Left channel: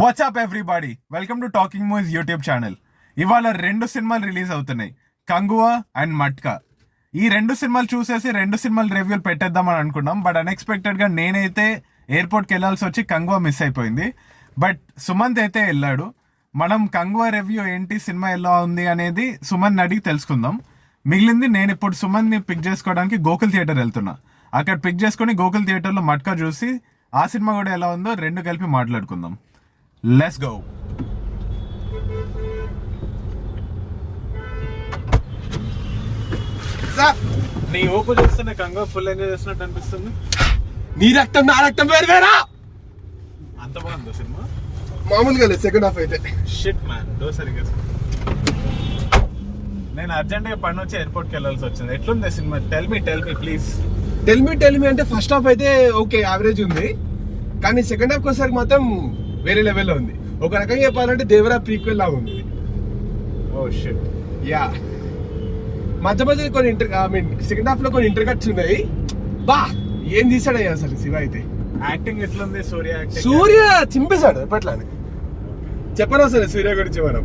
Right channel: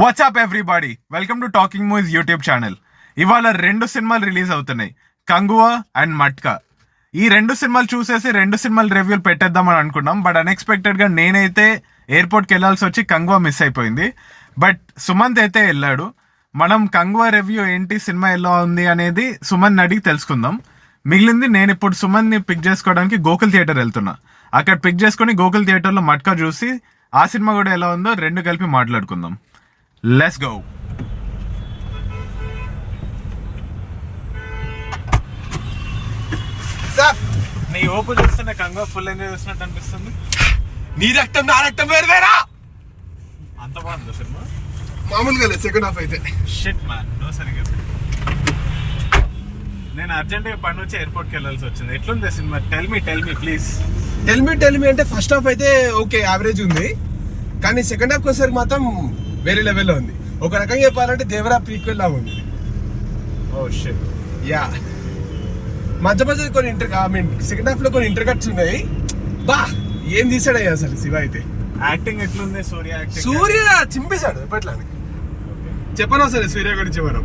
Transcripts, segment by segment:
WhatsApp everybody, welcome to talking movies YouTube channel. ఇవాళ 2 సినిమాలు release అవుతున్నాయి, కంగువా అండ్ మట్కా. ఈ 2 సినిమాలు చూసేసి 2 సినిమాలు రివ్యూలు పెట్టేద్దామని అనుకున్నాం. బట్ అన్ఎక్స్పెక్టెడ్గా నేనైతే ఎయిర్పోర్ట్కి వెళ్ళాల్సి వచ్చి కంగువా మిస్ అయిపోయింది. బట్ సుమంత్ అయితే వెళ్ళాడు. మనం కంగువా రివ్యూ ఏంటి, సినిమా ఎలా ఉంది అనేది సుమంత్ అడిగి తెలుసుకుందాం. మిగిలింది నేను ఇప్పుడు సుమంత్ని పిక్ చేసుకోవడానికి గోకుల్ థియేటర్ వెళ్తున్నా. అక్కడ పిక్ చేసుకుని గోకుల్ థియేటర్లో మట్కా చూసి ఆ సినిమా కూడా ఎలా ఉందో 2 కలిపి మాట్లాడుకుందాం. Let's go. నీ ఓపు చూస్తున్న కంగువా ఫుల్ ఎంజాయ్ చేస్తున్నట్టు అనిపిస్తుంది. నీ రక్తం నా రక్తం వేరు వేరా. అంత బాగుంది సినిమా. మామూలుగా లేదు సెకండ్ హాఫ్ అయితే. షిట్ మ్యాన్, డో సరిగ్గా. నేను అర్జెంట్గా పని వచ్చి ఎయిర్పోర్ట్కి వెళ్ళాల్సి వచ్చింది. ఎట్లుంది cinema? Tell me please. Tell me అంటే ఫస్ట్ హాఫ్ అయితే ఓకే, యావరేజ్ ఉంది. కానీ సెకండ్ హాఫ్ వచ్చేసరికి మాత్రం వేరే లెవెల్లో ఉంది. ఒక రకంగా చెప్పాలంటే దేవరా ప్రీక్వెల్ లాగా ఉంది. Oh shit. యా, మధ్య కొన్ని సెకండ్ హాఫ్ లో కొన్ని ఇంటర్ కట్స్ ఉన్నాయి. బా ఏం తీసాడు అసలు శివ అయితే. యాక్టింగ్ ఎట్లుంది? సూర్య చింపేశాడు ఎప్పట్లా. చెప్పను అసలు సూర్య గురించి మనం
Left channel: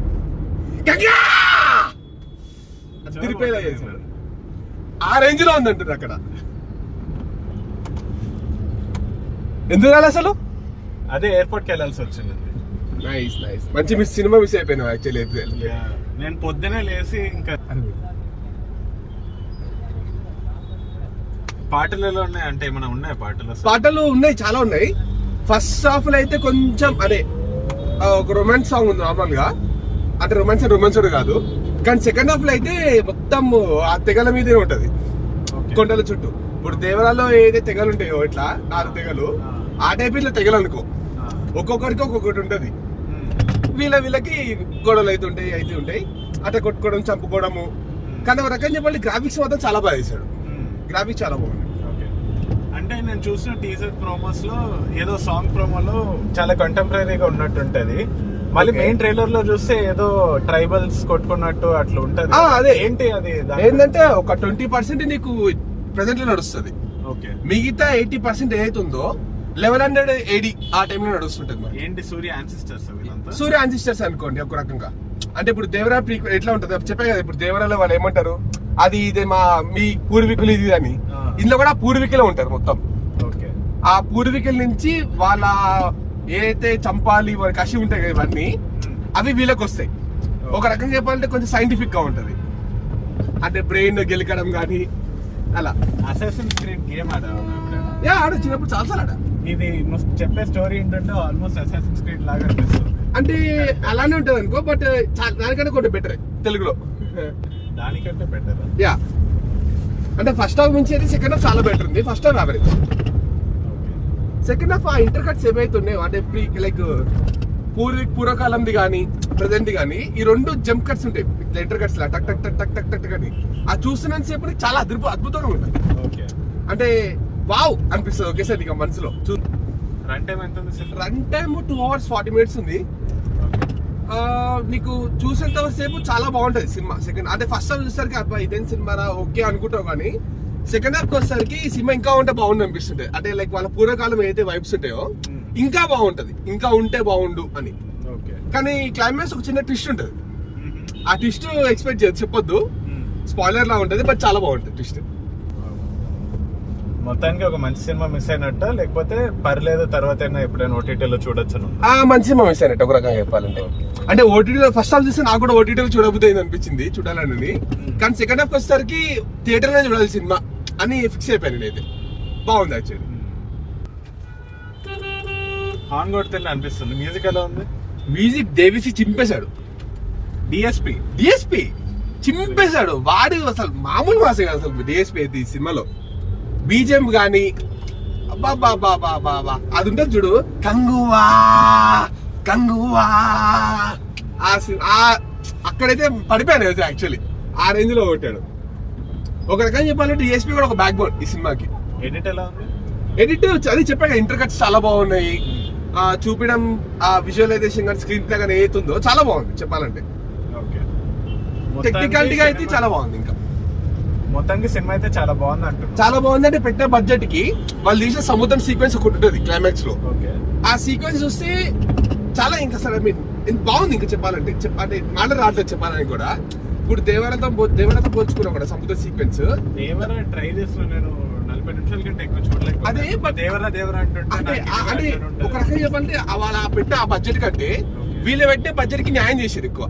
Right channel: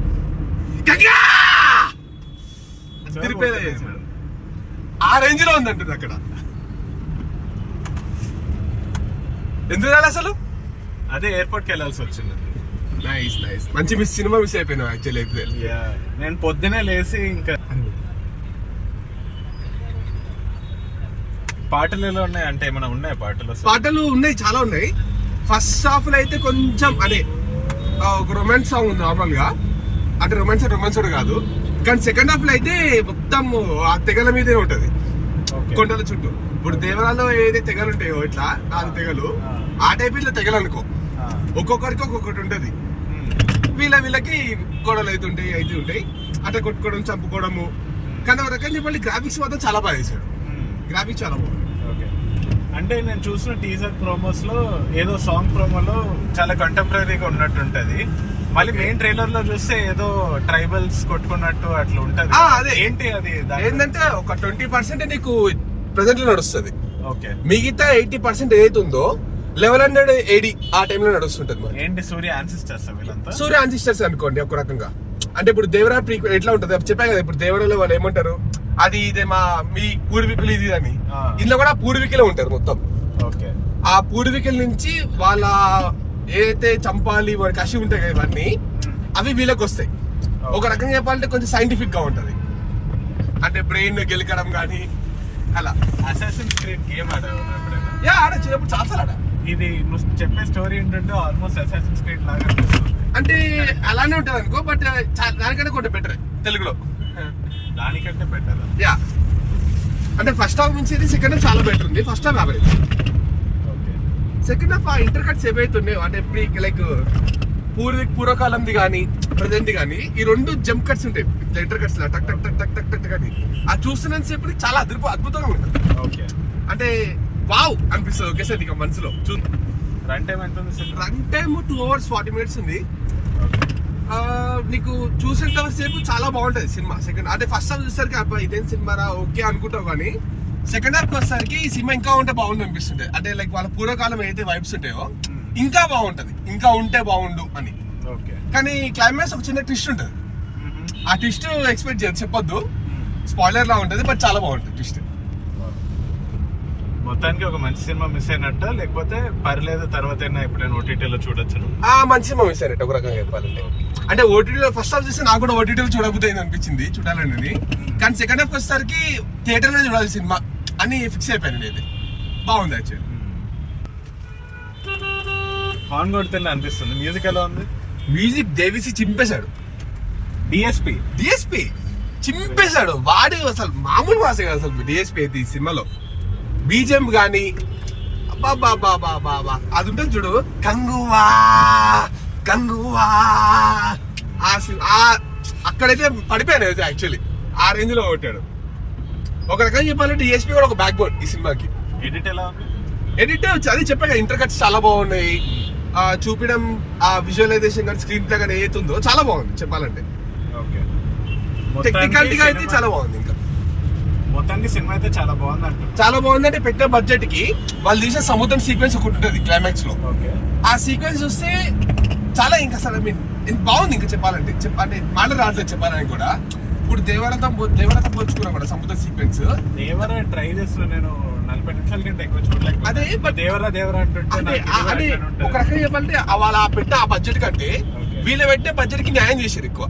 తిరిపేలా చేశాడు. ఆ రేంజ్ లో ఉందంటుంది అక్కడ. ఎందుకు రాలి అసలు? అదే ఎయిర్పోర్ట్కి వెళ్ళాల్సి వచ్చింది. నైస్ మంచి సినిమా మిస్ అయిపోయినా యాక్చువల్లీ. నేను పొద్దునే లేసి ఇంకా పాటలు ఎలా ఉన్నాయి అంటే ఏమైనా ఉన్నాయా? పాటలు ఉన్నాయి, చాలా ఉన్నాయి. ఫస్ట్ హాఫ్ లో అయితే కొంచెం అదే ఒక రొమాన్స్ సాంగ్ ఉంది నార్మల్ గా. అంటే రొమాన్స్ కాదు. కానీ సెకండ్ హాఫ్ లో అయితే మొత్తం ఆ తెగల మీదే ఉంటది, కొండల చుట్టూ. ఇప్పుడు దేవరాల్లో ఏదైతే తెగలు ఉంటాయో ఇట్లా 4 తెగలు, ఆ టైప్ ఇట్లా తెగలు అనుకో. ఒక్కొక్కరికి ఒక్కొక్కటి ఉంటది. వీళ్ళకి గొడవలు అయితే ఉంటాయి అట్లా కొట్టుకోవడం, చంపుకోవడము. కానీ ఒక రకంగా చెప్పాలి, గ్రాఫిక్స్ మాత్రం చాలా బాగా చేశాడు. గ్రాఫిక్స్ చాలా బాగుంది. అంటే నేను చూసిన టీజర్ ప్రోమోస్ లో ఏదో సాంగ్ ప్రోమోలో చాలా కంటెంపరీగా ఉన్నట్టు ఉంటది. మళ్ళీ మెయిన్ ట్రైలర్ లో చూస్తే ఏదో ట్రైబల్స్ కొట్టుకున్నట్టు అట్లా ఉంటది. అదే ఏంటి అది? ఏంటంటే ఒక 20% నీకు ప్రెసెంట్ లో నడుస్తుంది. మిగతా 80% ఏదైతే ఉందో 1100 AD ఆ టైంలో నడుస్తుంటది. ఏంటి సూర్య యాన్సిస్టర్స్ వీళ్ళంతా? సూర్య యాన్సిస్టర్స్ అనుకోండి ఒక రకంగా. అంటే ఇప్పుడు దేవరా ప్రీక్వెల్ ఎట్లా ఉంటది చెప్పాయి కదా. ఇప్పుడు దేవరాలో వాళ్ళు ఏమంటారు, అది ఇదే మీ పూర్వీకులు ఇది అని. ఇందులో కూడా పూర్వీకులే ఉంటారు మొత్తం. ఆ పూర్వీకుల నుంచి వాళ్ళ ఏదైతే చంపాలి కసి ఉంటాయి కదా ఇవన్నీ, అవి వీళ్ళకి వస్తాయి. ఒక రకంగా చెప్పాలంటే కొంచెం సైంటిఫిక్ గా ఉంటది. అంటే బ్రెయిన్ గెలకడం కానీ అలా. అసాసిన్స్ క్రీడ్ గేమ్ ఆడ చిన్నప్పుడు చాలా ఆడ. ఇది నువ్వు చెప్పే స్టోరీ ఏంటంటే ఆల్మోస్ట్ అసాసిన్స్ క్రీడ్ లాగా అనిపిస్తుంది. అంటే అలానే ఉంటది అనుకో, బట్ దానికంటే కొంచెం బెటర్ తెలుగులో. దానికంటే బెటర్. యా, అంటే ఫస్ట్ హాఫ్ నుంచి అయితే సెకండ్ హాఫ్ చాలా బెటర్ ఉంది. First half average. Second half ఆ ఇంటర్ కట్స్ ఏవైతున్నాయో అంటే లైక్ పూర్వకాలంది కానీ ప్రజెంట్ కానీ ఈ 2 జంప్ కట్స్ ఉంటాయి. ఇంటర్ కట్స్ లా టక్ టక్ టక్ టక్ టక్ టక్ కానీ అది చూస్తున్నంత సేపు చాలా అద్భుతంగా ఉంటుంది. అంటే వావ్ అనిపిస్తుంది ఒకేసారి ఇక మనసులో. రన్ టైమ్ 2 hours 40 minutes ఉంది. నీకు చూసేంత సేపు చాలా బాగుంటది సినిమా. సెకండ్ అంటే ఫస్ట్ హాఫ్ చూసేసరికి అబ్బా ఇదేం సినిమా రా ఓకే అనుకుంటావు, కానీ సెకండ్ హాఫ్ వచ్చేసరికి ఈ సినిమా ఇంకా ఉంటే బాగుండు అనిపిస్తుంటాయి. అంటే లైక్ వాళ్ళ పూర్వకాలం ఏదైతే వైబ్స్ ఉంటాయో ఇంకా బాగుంటది, ఇంకా ఉంటే బాగుండు అని. కానీ క్లైమాక్స్ ఒక చిన్న ట్విస్ట్ ఉంటది. ఆ ట్విస్ట్ ఎక్స్పెక్ట్ చేయదు, చెప్పొద్దు, స్పాయిలర్ లా ఉంటది. బట్ చాలా బాగుంటది ట్విస్ట్. మొత్తానికి ఒక మంచి సినిమా మిస్ అయినట్ట, లేకపోతే పర్లేదు తర్వాత ఎప్పుడైనా ఓటీటీలో చూడొచ్చు? మంచి సినిమా మిస్ అయినట్టు ఒక రకంగా చెప్పాలంటే. అంటే ఓటీటీలో ఫస్ట్ హాఫ్ చూసి నాకు కూడా ఓటీటీలో చూడబుద్ది అయింది అనిపించింది, చూడాలని. కానీ సెకండ్ హాఫ్ వచ్చేసరికి థియేటర్ లో చూడాలి సినిమా అని ఫిక్స్ అయిపోయింది. అయితే బాగుంది యాక్చువల్లీ. హార్న్ కొడుతున్నా అనిపిస్తుంది. మ్యూజిక్ ఎలా ఉంది? మ్యూజిక్ దేవిసి చింపేశాడు. డిఎస్పి చింపేశాడు. వాడు అసలు మామూలు వాసే కదా అసలు డిఎస్పి అయితే ఈ సినిమాలో. బీజం గాని బాబా అది ఉంటుంది చూడు, కంగువా అక్కడైతే పడిపోయాను అయితే యాక్చువల్లీ. ఆ రేంజ్ లో కొట్టాడు. ఒక రకంగా చెప్పాలంటే డిఎస్పీ కూడా ఒక బ్యాక్ బోన్ ఈ సినిమాకి. ఎడిట్ అది చెప్పాక ఇంటర్ కట్స్ చాలా బాగున్నాయి. చూపించడం, ఆ విజువలైజేషన్ కానీ స్క్రీన్ ప్లే కానీ ఏతుందో చాలా బాగుంది చెప్పాలంటే. టెక్నికాలిటీగా అయితే చాలా బాగుంది. ఇంకా మొత్తానికి సినిమా అయితే చాలా బాగుంది అంటారు. చాలా బాగుంది అంటే పెట్టిన బడ్జెట్ కి వాళ్ళు తీసిన సముద్రం సీక్వెన్స్ ఒకటి ఉంటుంది క్లైమాక్స్ లో. ఆ సీక్వెన్స్ చూస్తే చాలా ఇంకా అసలు I mean, ఇది బాగుంది ఇంకా చెప్పాలంటే అంటే మాట రావట్లేదు చెప్పాలని కూడా. ఇప్పుడు దేవరతో పోల్చుకున్నా కూడా సముద్ర సీక్వెన్స్ దేవరా ట్రై చేస్తున్నా నేను 40 నిమిషాల కంటే ఎక్కువ చూడలేదు. అదే but దేవరా అంటే అంటే ఒక రకంగా చెప్పాలంటే వాళ్ళ పెట్టే ఆ బడ్జెట్ కంటే వీళ్ళు పెట్టే బడ్జెట్ కి న్యాయం చేశారు ఎక్కువ.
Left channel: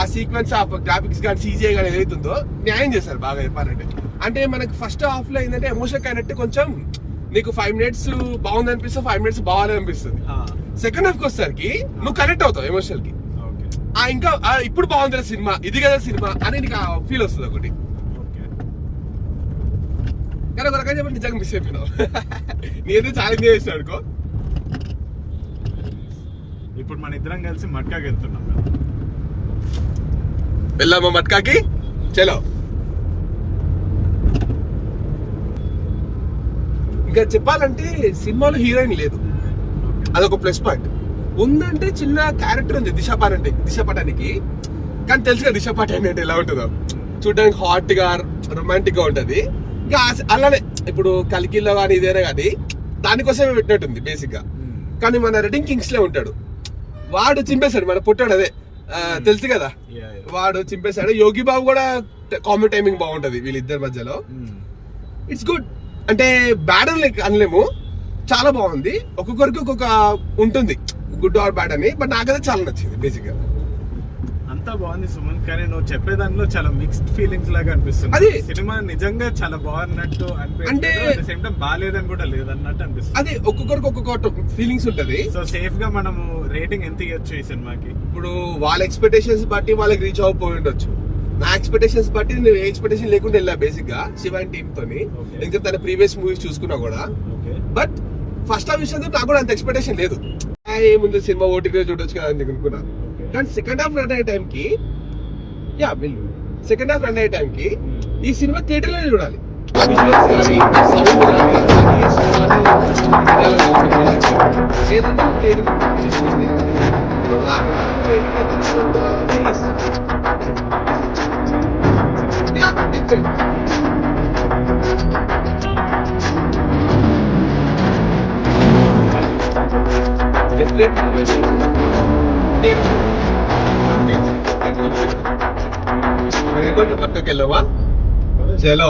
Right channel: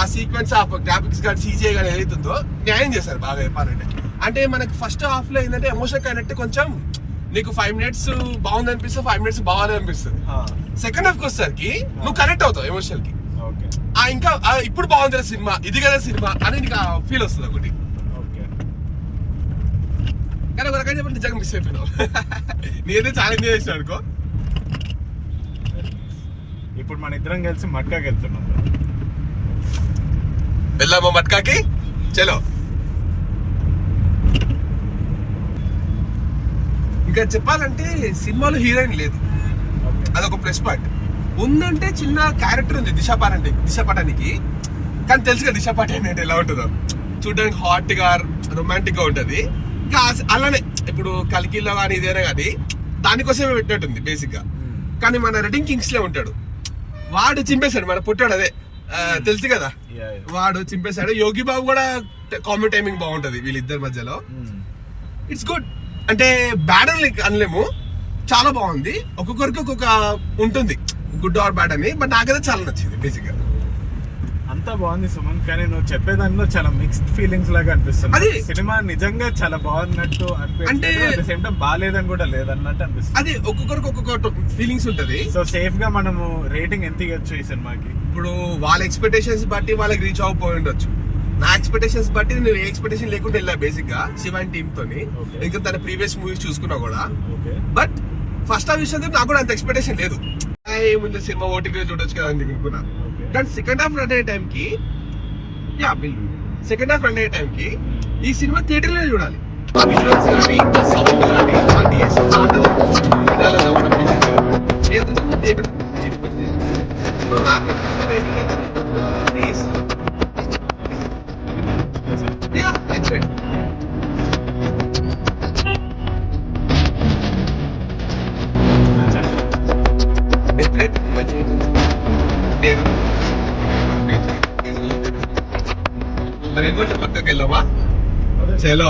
ఆ సీక్వెన్స్ ఆ గ్రాఫిక్స్ కానీ సీజీఐ కానీ ఏదైతుందో న్యాయం చేశారు బాగా చెప్పాలంటే. అంటే మనకి ఫస్ట్ హాఫ్ లో ఏంటంటే ఎమోషన్ కనెక్ట్ కొంచెం నీకు 5 minutes బాగుంది అనిపిస్తుంది, 5 minutes బాగాలేదు అనిపిస్తుంది. సెకండ్ హాఫ్ కి వచ్చేసరికి నువ్వు కనెక్ట్ అవుతావు ఎమోషనల్ కి. ఇంకా ఇప్పుడు బాగుంది సినిమా, ఇది కదా సినిమా అని నీకు ఫీల్ వస్తుంది ఒకటి. కానీ ఒక రకంగా చెప్పండి నిజంగా మిస్ అయిపోయినావు. నేనైతే చాలా ఎంజాయ్ చేసాను అనుకో. ఇప్పుడు మన ఇద్దరం కలిసి మట్కాకి వెళ్తున్నాం. వెళ్దామా మట్కాకి? చలో. ఇంకా చెప్పాలంటే సినిమాలో హీరోయిన్ లేదు, అదొక ప్లస్ పాయింట్. ఉందంటే చిన్న క్యారెక్టర్ ఉంది దిశ పటానికి, కానీ తెలుసు కదా దిశ పటాని అంటే ఎలా ఉంటుందో, చూడడానికి హాట్ గా రొమాంటిక్ గా ఉంటది. ఇంకా అలానే ఇప్పుడు కల్కిలో కానీ ఇదేనా కానీ దానికోసమే పెట్టినట్టుంది బేసిక్ గా. కానీ మన రెడ్డింగ్ కింగ్స్ లో ఉంటాడు, వాడు చింపేశాడు, మన పుట్టాడు అదే తెలుసు కదా, వాడు చింపేశాడు. యోగి బాబు కూడా కామెడీ టైమింగ్ బాగుంటది వీళ్ళిద్దరి మధ్యలో. ఇట్స్ గుడ్, అంటే బ్యాడ్ అని అనలేము, చాలా బాగుంది. ఒక్కొక్కరికి ఒక్కొక్క ఉంటుంది గుడ్ ఆర్ బ్యాడ్ అని, బట్ నాకైతే చాలా నచ్చింది బేసిక్ గా. అంతా బాగుంది సుమన్, కానీ నువ్వు చెప్పేదానిలో చాలా మిక్స్డ్ ఫీలింగ్స్ లాగా అనిపిస్తుంది. సినిమా నిజంగా చాలా బాగున్నట్టు అంటే సేమ్ టైం బాగాలేదని కూడా లేదన్నట్టు అనిపిస్తుంది. అదే ఒక్కొక్కరికి ఒక్కొక్క ఫీలింగ్స్ ఉంటది. సో సేఫ్ గా మనము రేటింగ్ ఎంత ఇవ్వచ్చు ఈ సినిమాకి? ఇప్పుడు వాళ్ళ ఎక్స్పెక్టేషన్స్ బట్టి వాళ్ళకి రీచ్ అవ్వకపోయి ఉండొచ్చు. నా ఎక్స్పెక్టేషన్స్ బట్టి నేను ఏ ఎక్స్పెక్టేషన్ లేకుండా వెళ్ళా బేసిక్ గా శివాన్ టీమ్ తోని, ఇంకా తన ప్రీవియస్ మూవీస్ చూసుకున్నా కూడా. బట్ ఫస్ట్ హాఫ్ విషయంలో నాకు కూడా అంత ఎక్స్పెక్టేషన్ లేదు, ఏముంది సినిమా ఓటీపీ చూడొచ్చు కదా అని అనుకున్నా. కానీ సెకండ్ హాఫ్ రన్ అయ్యే టైంకి ఈ సినిమా థియేటర్ లోనే చూడాలి. సౌండ్ కానీ పక్కకి వెళ్ళవా? చలో.